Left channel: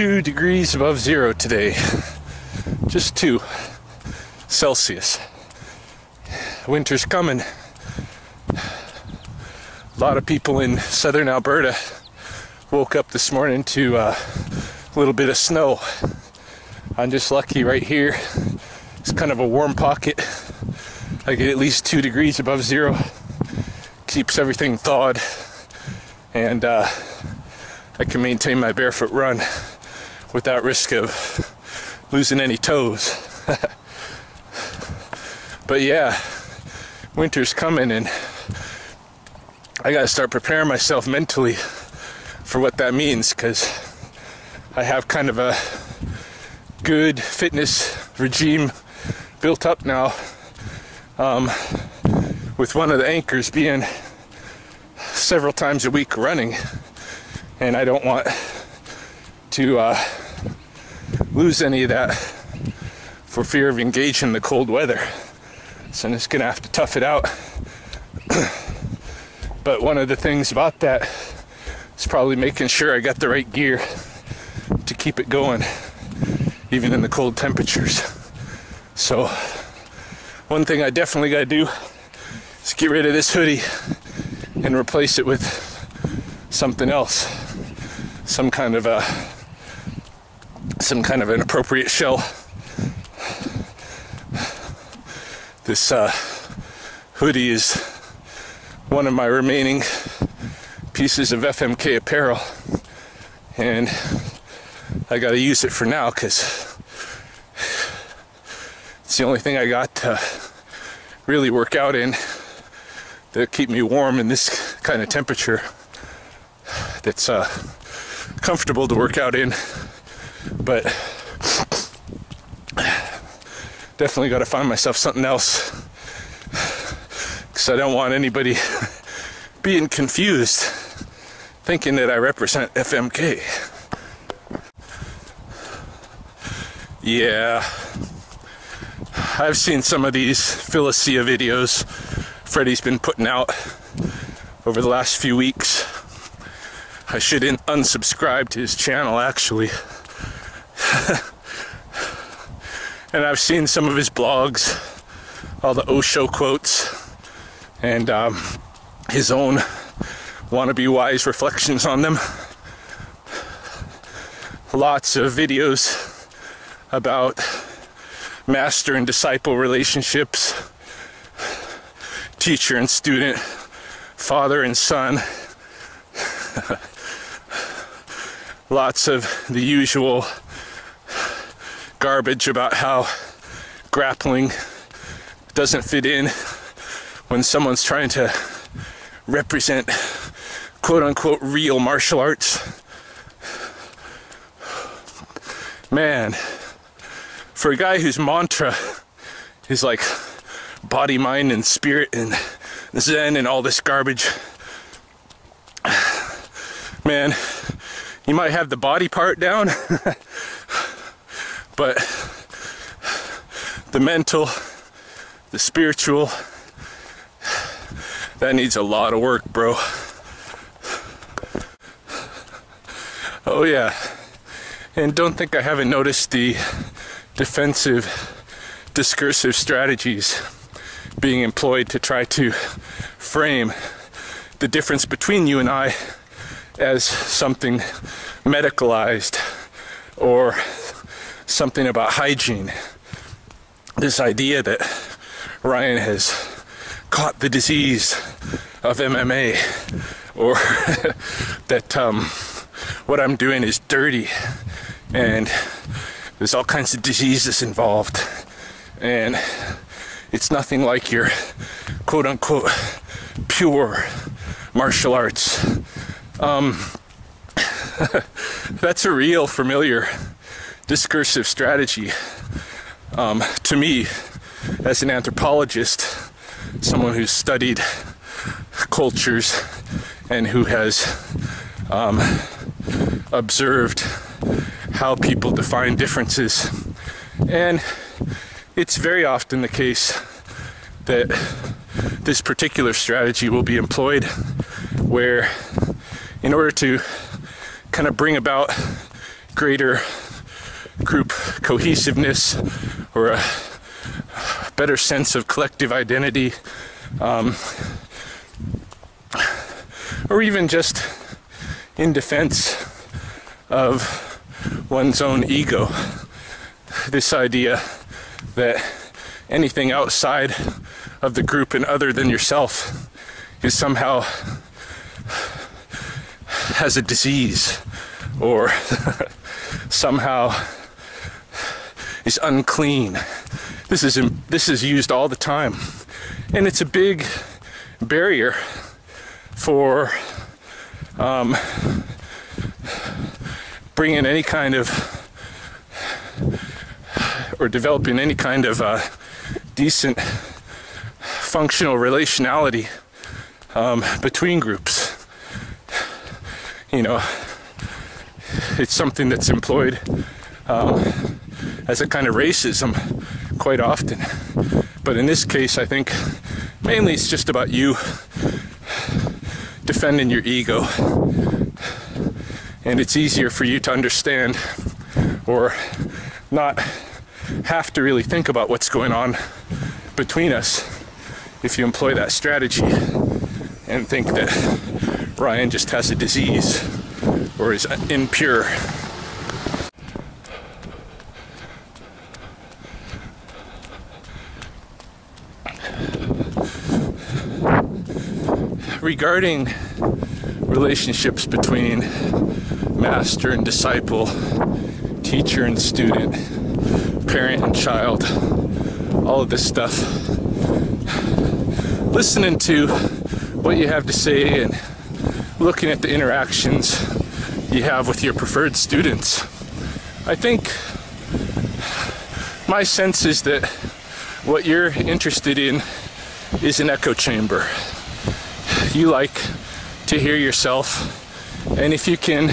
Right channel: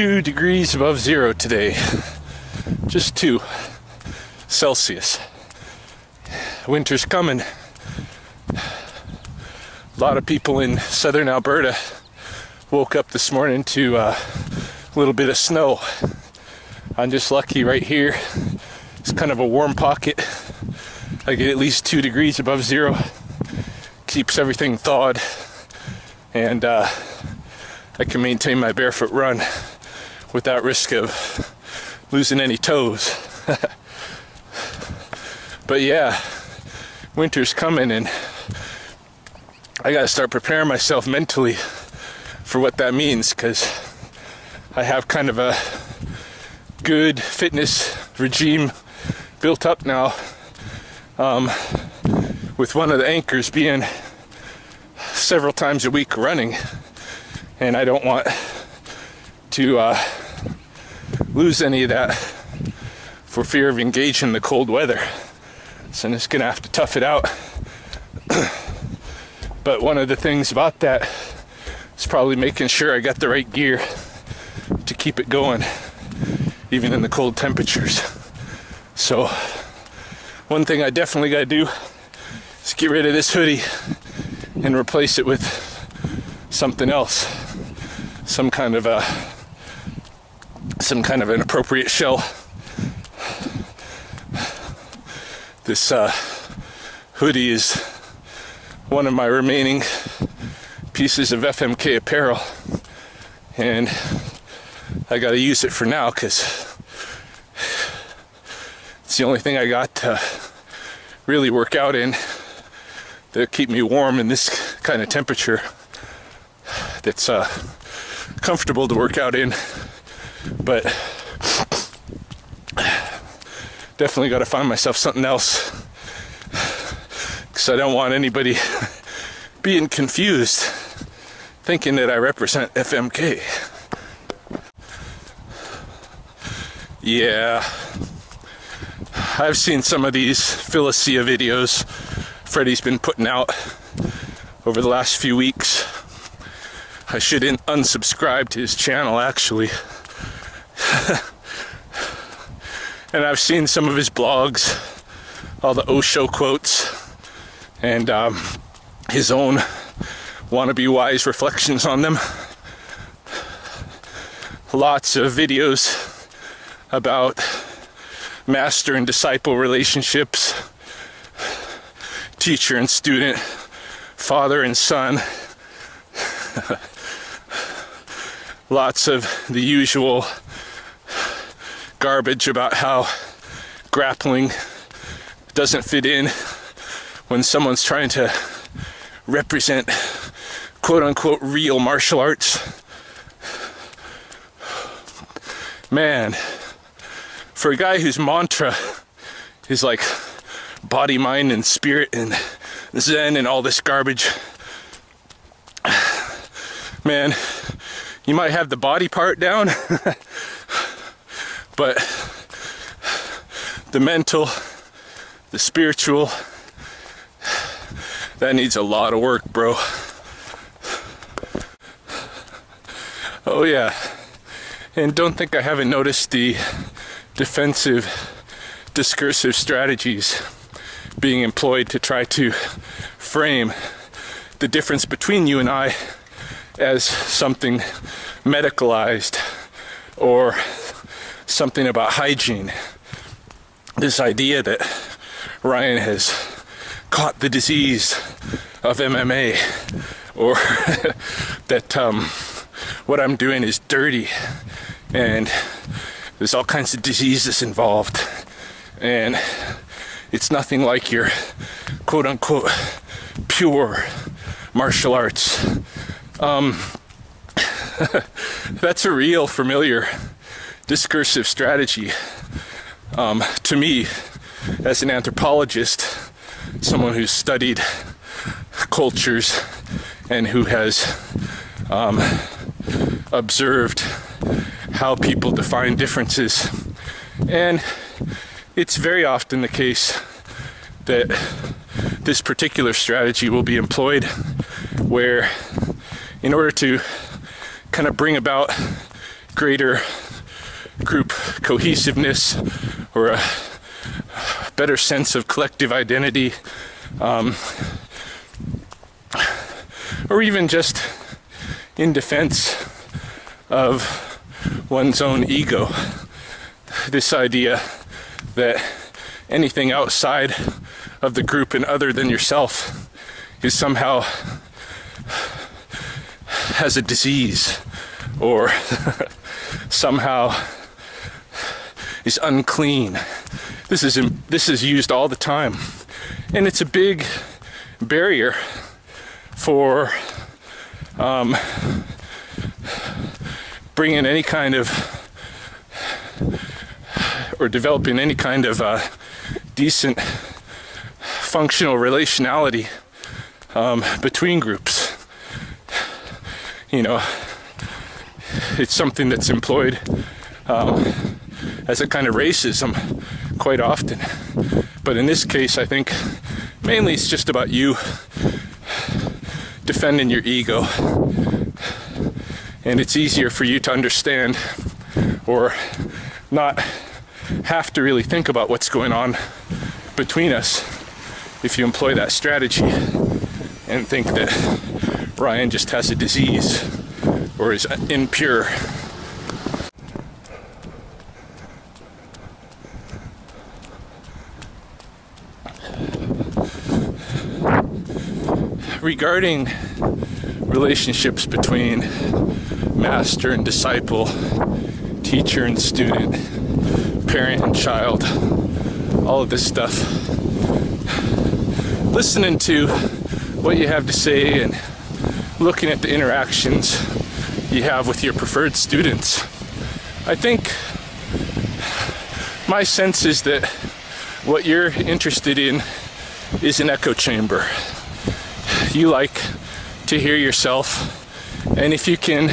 2 degrees above zero today. Just 2 Celsius. Winter's coming. A lot of people in southern Alberta woke up this morning to a little bit of snow. I'm just lucky right here. It's kind of a warm pocket. I get at least 2 degrees above zero. Keeps everything thawed. And I can maintain my barefoot run without risk of losing any toes. But yeah, winter's coming and I gotta start preparing myself mentally for what that means, because I have kind of a good fitness regime built up now, with one of the anchors being several times a week running, and I don't want to lose any of that for fear of engaging the cold weather. So I'm just gonna have to tough it out. But one of the things about that is probably making sure I got the right gear to keep it going, even in the cold temperatures. So one thing I definitely gotta do is get rid of this hoodie and replace it with something else, some kind of an appropriate shell. This hoodie is one of my remaining pieces of FMK apparel, and I gotta use it for now because it's the only thing I got to really work out in that keep me warm in this kind of temperature, that's comfortable to work out in. But definitely got to find myself something else, because I don't want anybody being confused thinking that I represent FMK. Yeah, I've seen some of these Philosia videos Freddie's been putting out over the last few weeks. I should unsubscribe to his channel, actually. And I've seen some of his blogs, all the Osho quotes, and his own wannabe wise reflections on them. Lots of videos about master and disciple relationships, teacher and student, father and son. Lots of the usual garbage about how grappling doesn't fit in when someone's trying to represent quote-unquote real martial arts. Man, for a guy whose mantra is like body, mind, and spirit and Zen and all this garbage, man, you might have the body part down, but the mental, the spiritual, that needs a lot of work, bro. Oh yeah, and don't think I haven't noticed the defensive, discursive strategies being employed to try to frame the difference between you and I as something medicalized or something about hygiene. This idea that Ryan has caught the disease of MMA, or that what I'm doing is dirty and there's all kinds of diseases involved and it's nothing like your quote-unquote pure martial arts. That's a real familiar discursive strategy to me as an anthropologist, someone who's studied cultures and who has observed how people define differences. And it's very often the case that this particular strategy will be employed where, in order to kind of bring about greater group cohesiveness or a better sense of collective identity, or even just in defense of one's own ego. This idea that anything outside of the group and other than yourself is somehow has a disease or somehow is unclean. This is used all the time, and it's a big barrier for bringing any kind of or developing any kind of decent functional relationality between groups. You know, it's something that's employed as a kind of racism quite often. But in this case, I think mainly it's just about you defending your ego. And it's easier for you to understand or not have to really think about what's going on between us if you employ that strategy and think that Ryan just has a disease or is impure. Regarding relationships between master and disciple, teacher and student, parent and child, all of this stuff, listening to what you have to say and looking at the interactions you have with your preferred students, I think my sense is that what you're interested in is an echo chamber. You like to hear yourself, and if you can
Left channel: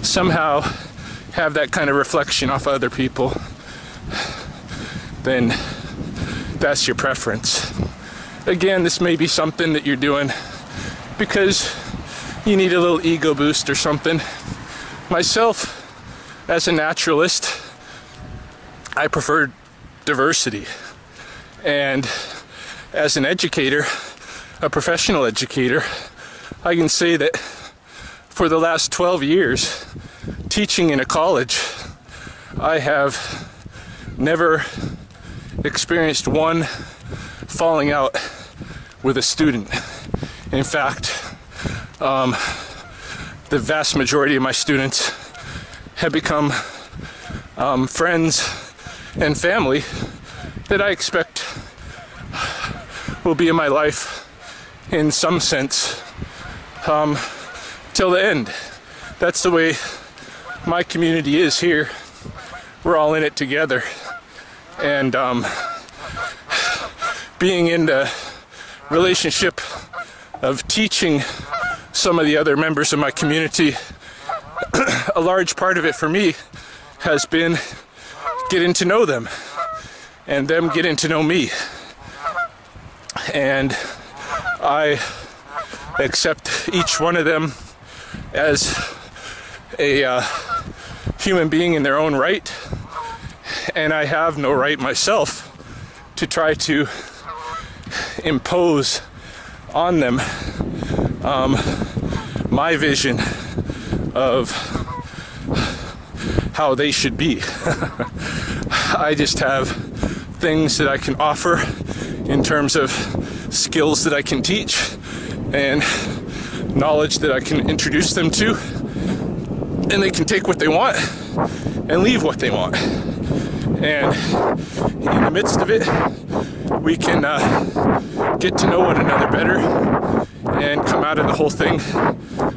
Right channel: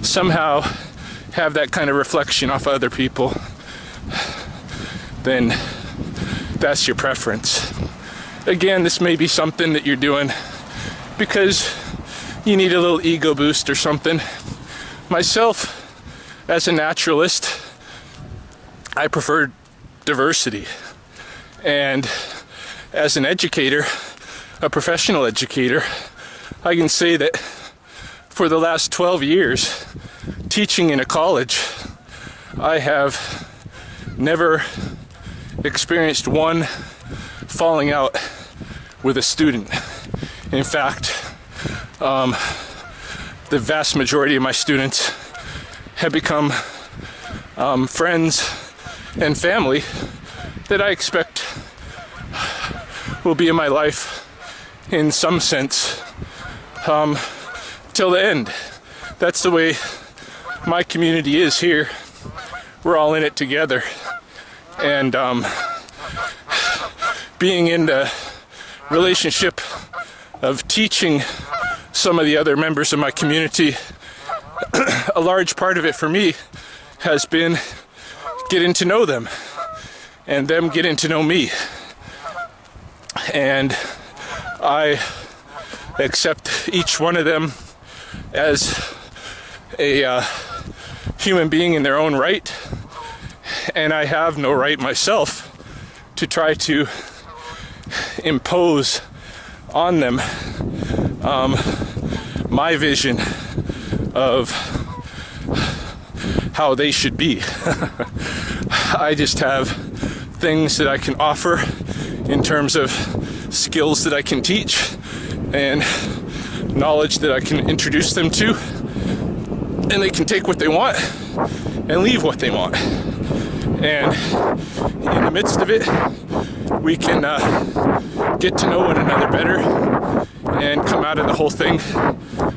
somehow have that kind of reflection off other people, then that's your preference. Again, this may be something that you're doing because you need a little ego boost or something. Myself, as a naturalist, I prefer diversity. And as an educator, a professional educator, I can say that for the last 12 years, teaching in a college, I have never experienced one falling out with a student. In fact, the vast majority of my students have become friends and family that I expect will be in my life in some sense till the end. That's the way my community is here. We're all in it together, and being in the relationship of teaching some of the other members of my community, a large part of it for me has been getting to know them and them getting to know me. And I accept each one of them as a human being in their own right, and I have no right myself to try to impose on them my vision of how they should be. I just have things that I can offer in terms of skills that I can teach and knowledge that I can introduce them to, and they can take what they want and leave what they want. And in the midst of it, we can get to know one another better and come out of the whole thing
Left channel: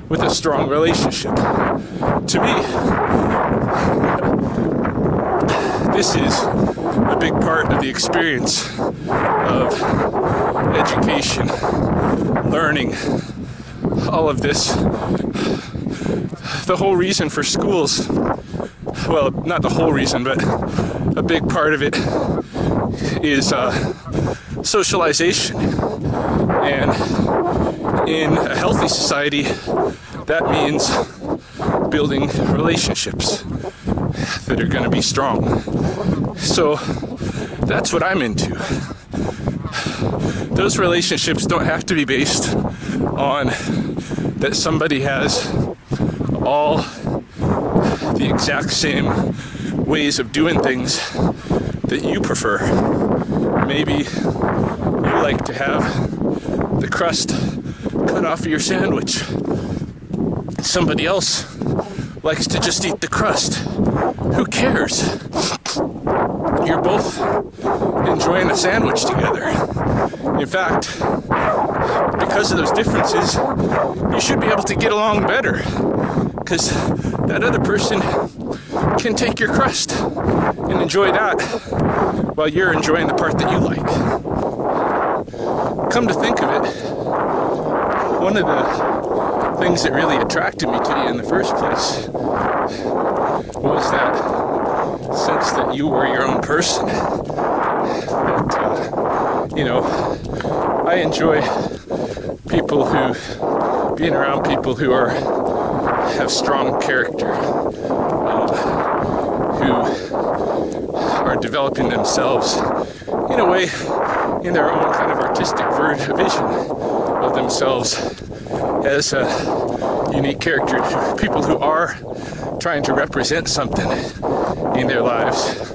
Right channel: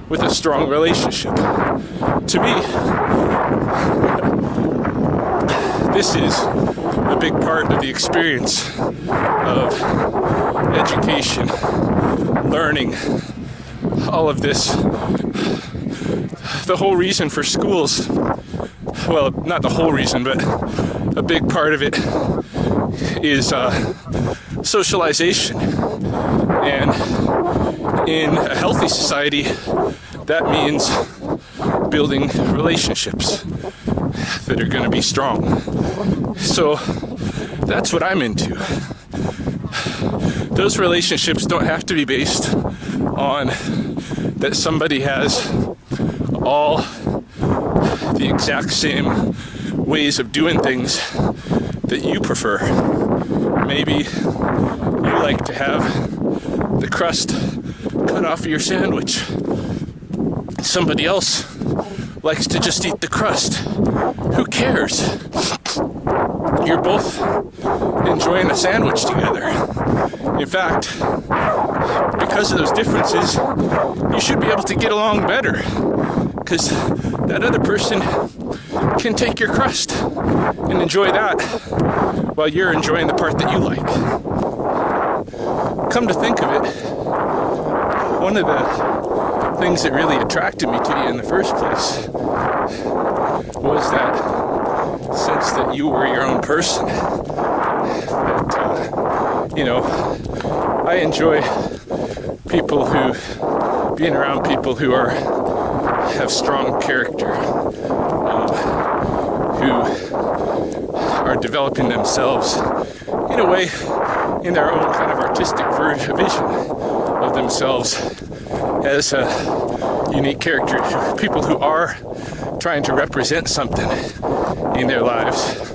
with a strong relationship. To me, this is a big part of the experience of education, learning, all of this. The whole reason for schools, well, not the whole reason, but a big part of it is socialization. And in a healthy society, that means building relationships that are going to be strong. So that's what I'm into. Those relationships don't have to be based on that somebody has all the exact same ways of doing things that you prefer. Maybe you like to have the crust cut off of your sandwich. Somebody else likes to just eat the crust. Who cares? You're both enjoying a sandwich together. In fact, because of those differences, you should be able to get along better, because that other person can take your crust and enjoy that while you're enjoying the part that you like. Come to think of it, one of the things that really attracted me to you in the first place was that sense that you were your own person. That, I enjoy people being around people who have strong character, who are developing themselves in a way, in their own kind of artistic vision of themselves as a unique character. People who are trying to represent something in their lives.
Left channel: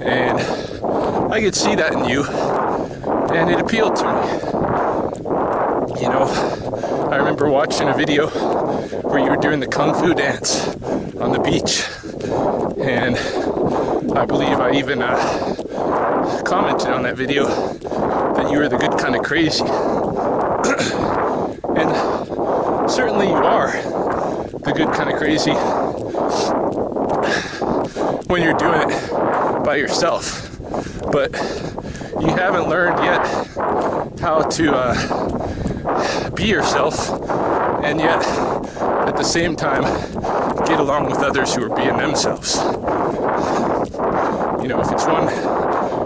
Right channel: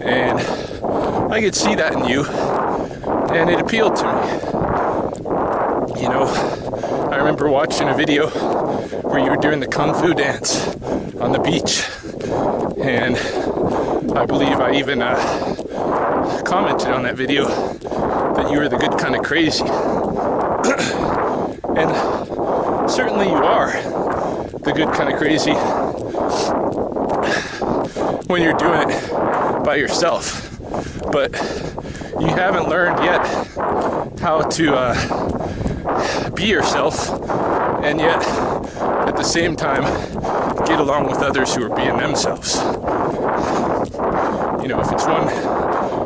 And I could see that in you, and it appealed to me. I remember watching a video where you were doing the kung fu dance on the beach, and I believe I even commented on that video that you were the good kind of crazy. And certainly you are the good kind of crazy when you're doing it by yourself. But you haven't learned yet how to be yourself, and yet at the same time get along with others who are being themselves. If it's one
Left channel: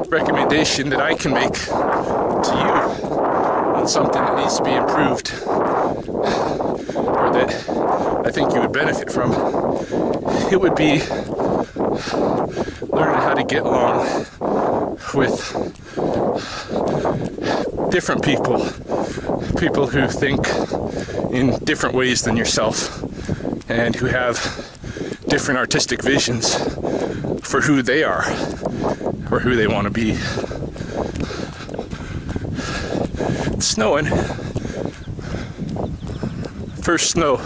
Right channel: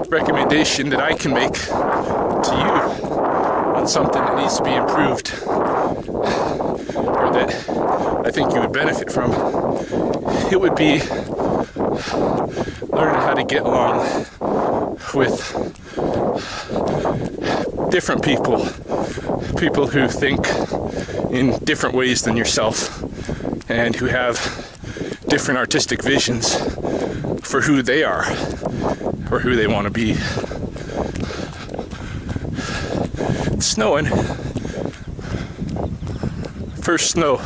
recommendation that I can make to you on something that needs to be improved, or that I think you would benefit from, it would be learning how to get along with different people who think in different ways than yourself, and who have different artistic visions for who they are or who they want to be. It's snowing. First snow.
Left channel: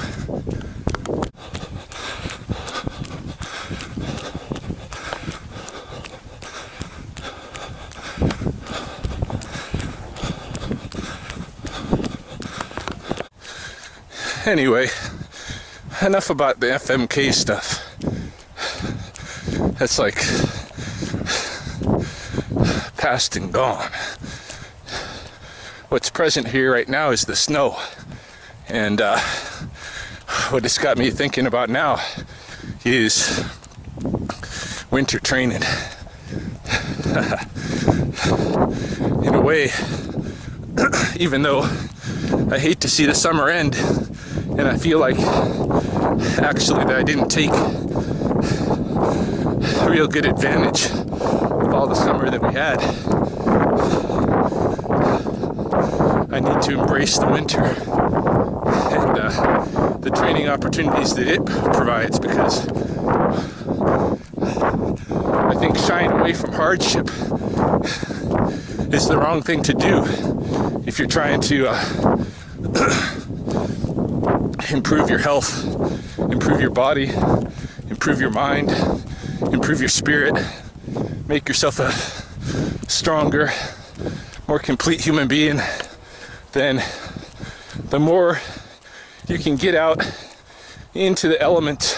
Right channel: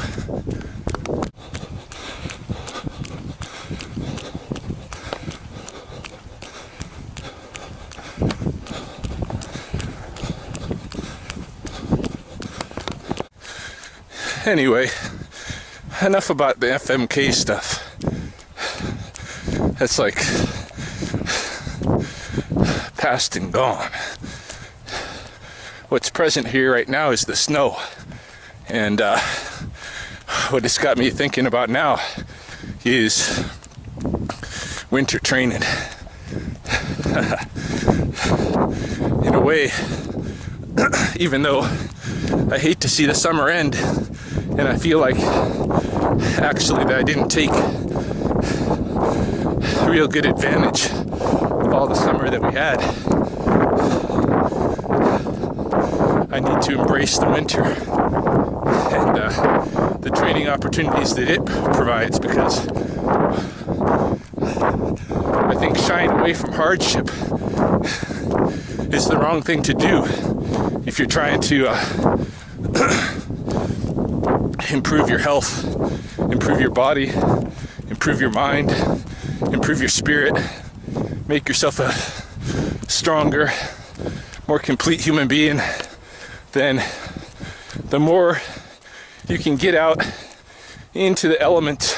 Anyway, enough about the FMK stuff. That's like past and gone. What's present here right now is the snow. And what it's got me thinking about now is winter training. In a way, even though I hate to see the summer end, and I feel like actually that I didn't take real good advantage of all the summer that we had. I need to embrace the winter and the training opportunities that it provides, because I think shying away from hardship is the wrong thing to do if you're trying to improve your health, improve your body, improve your mind, improve your spirit, make yourself a stronger, more complete human being. Then the more you can get out into the elements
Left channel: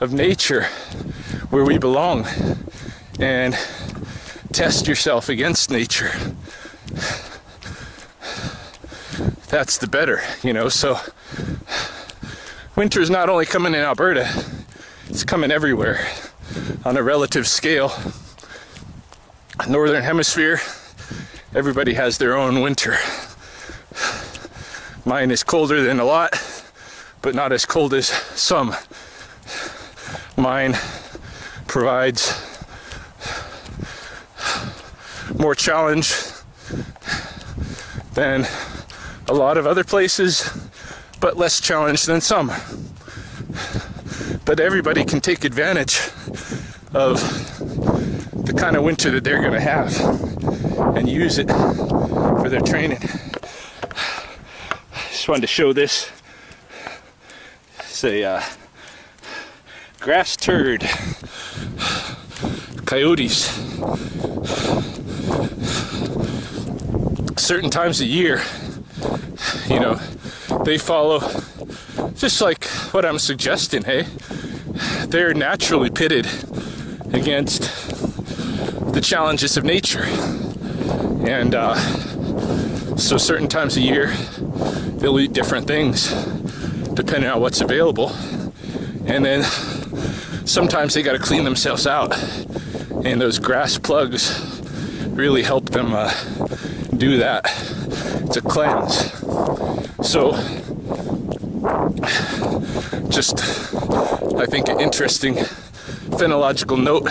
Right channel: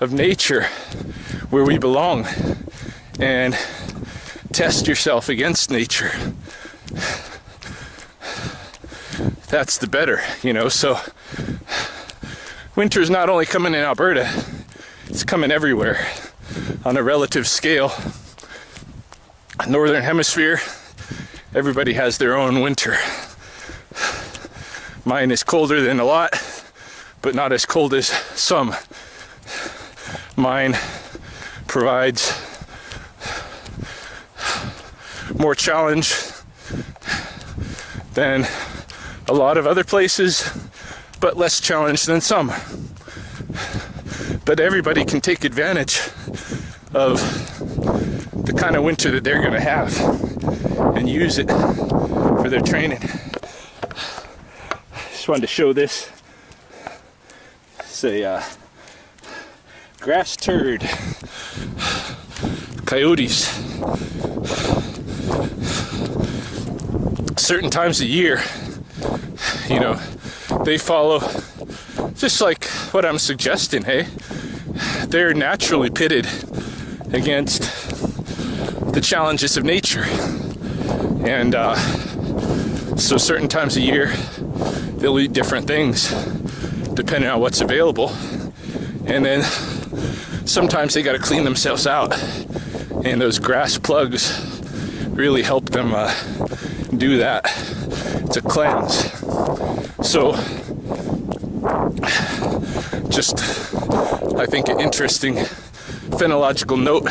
of nature where we belong and test yourself against nature, that's the better, so winter's not only coming in Alberta, it's coming everywhere on a relative scale. Northern Hemisphere, everybody has their own winter. Mine is colder than a lot, but not as cold as some. mine provides more challenge than a lot of other places, but less challenge than some. But everybody can take advantage of the kind of winter that they're going to have and use it for their training. Just wanted to show this. It's a grass turd. Coyotes. Certain times of year, you know, they follow just like what I'm suggesting, hey? They're naturally pitted against the challenges of nature. And so certain times of year, they'll eat different things depending on what's available. And then sometimes they got to clean themselves out. And those grass plugs really help them do that. It's a cleanse. So, just, I think, an interesting phenological note,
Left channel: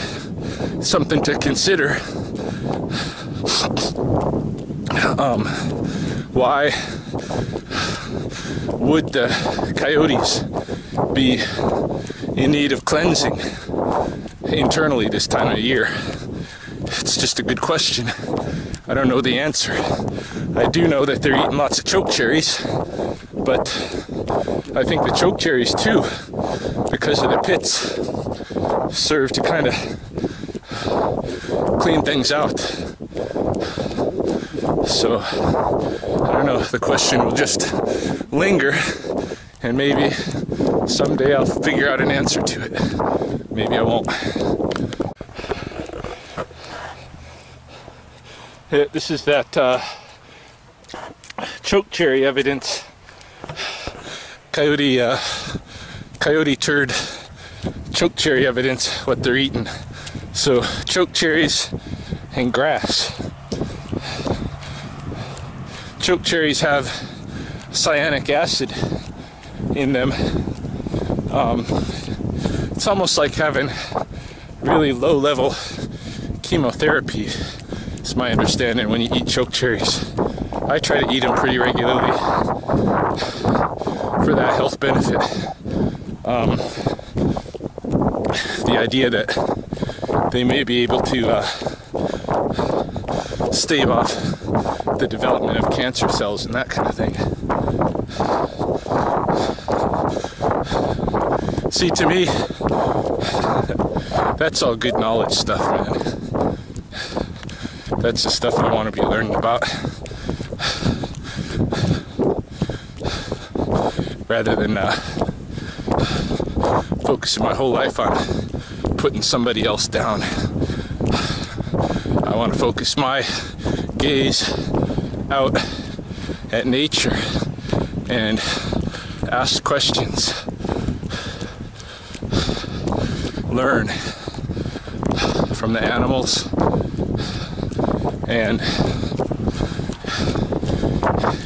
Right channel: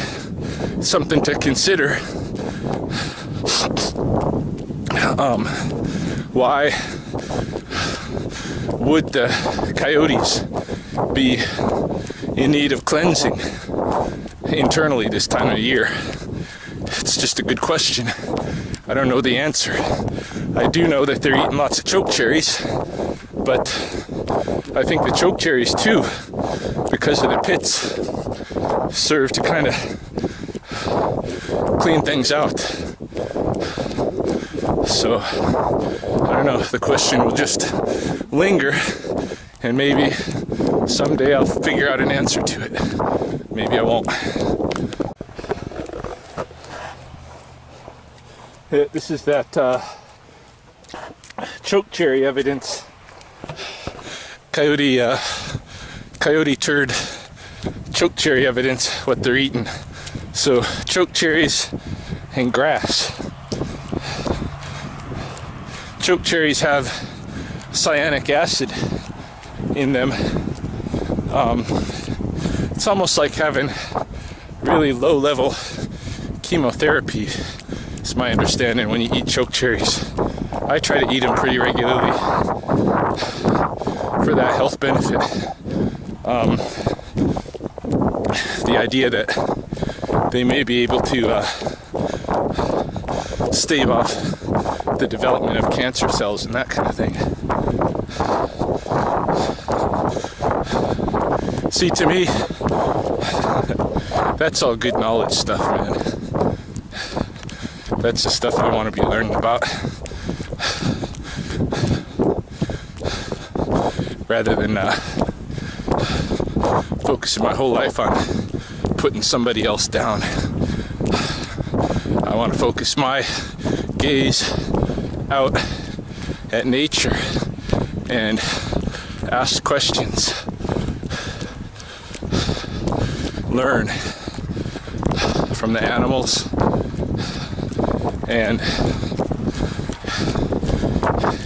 something to consider. Why would the coyotes be in need of cleansing internally this time of year? It's just a good question. I don't know the answer. I do know that they're eating lots of choke cherries, but I think the choke cherries too, because of the pits, serve to kind of clean things out. So, I don't know, the question will just linger, and maybe someday I'll figure out an answer to it. Maybe I won't. This is that choke cherry evidence. Coyote turd choke cherry evidence, what they're eating. So choke cherries and grass. Choke cherries have cyanic acid in them. It's almost like having really low level chemotherapy. It's my understanding when you eat choke cherries. I try to eat them pretty regularly for that health benefit. The idea that they may be able to stave off the development of cancer cells and that kind of thing. See, to me, that's all good knowledge stuff, man. That's the stuff I want to be learning about, rather than focusing my whole life on putting somebody else down. I want to focus my gaze out at nature and ask questions, learn from the animals, and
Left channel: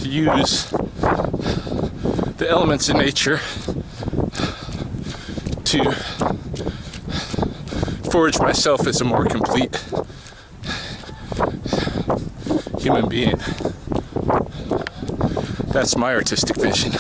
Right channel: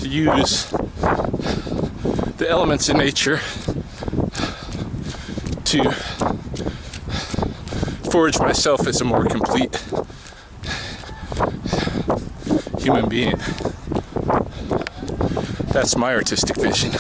use the elements in nature to forge myself as a more complete human being. That's my artistic vision.